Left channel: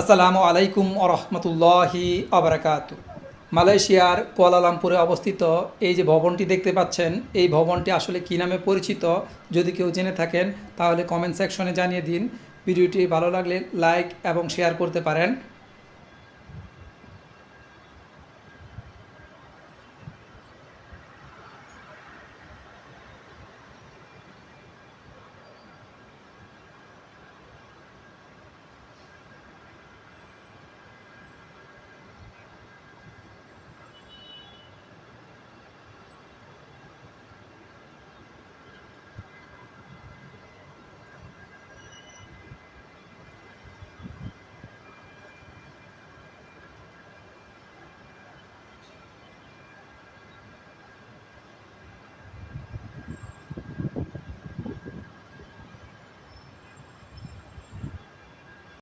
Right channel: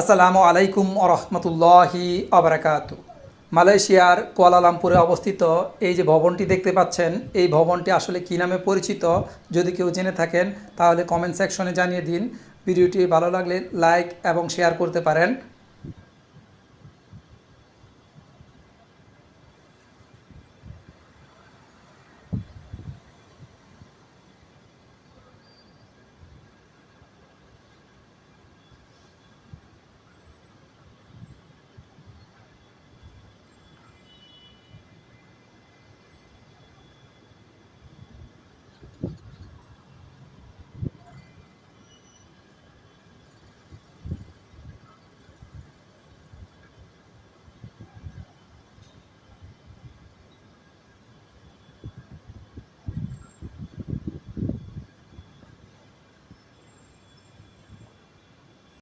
আসসালামু আলাইকুম আরহামতুল্লাহি আবরাকাতু। মালয়েশিয়ার কুয়ালালামপুরে অবস্থিত এই যে ভবনটি দেখতে পাচ্ছেন, এই ভবনটি আসলে কী নামে পরিচিত, যদি কেউ জেনে থাকেন তাহলে কমেন্ট সেকশনে জানিয়ে দিন। ভিডিওটি ভালো লাগলে লাইক এবং শেয়ার করতে পারেন।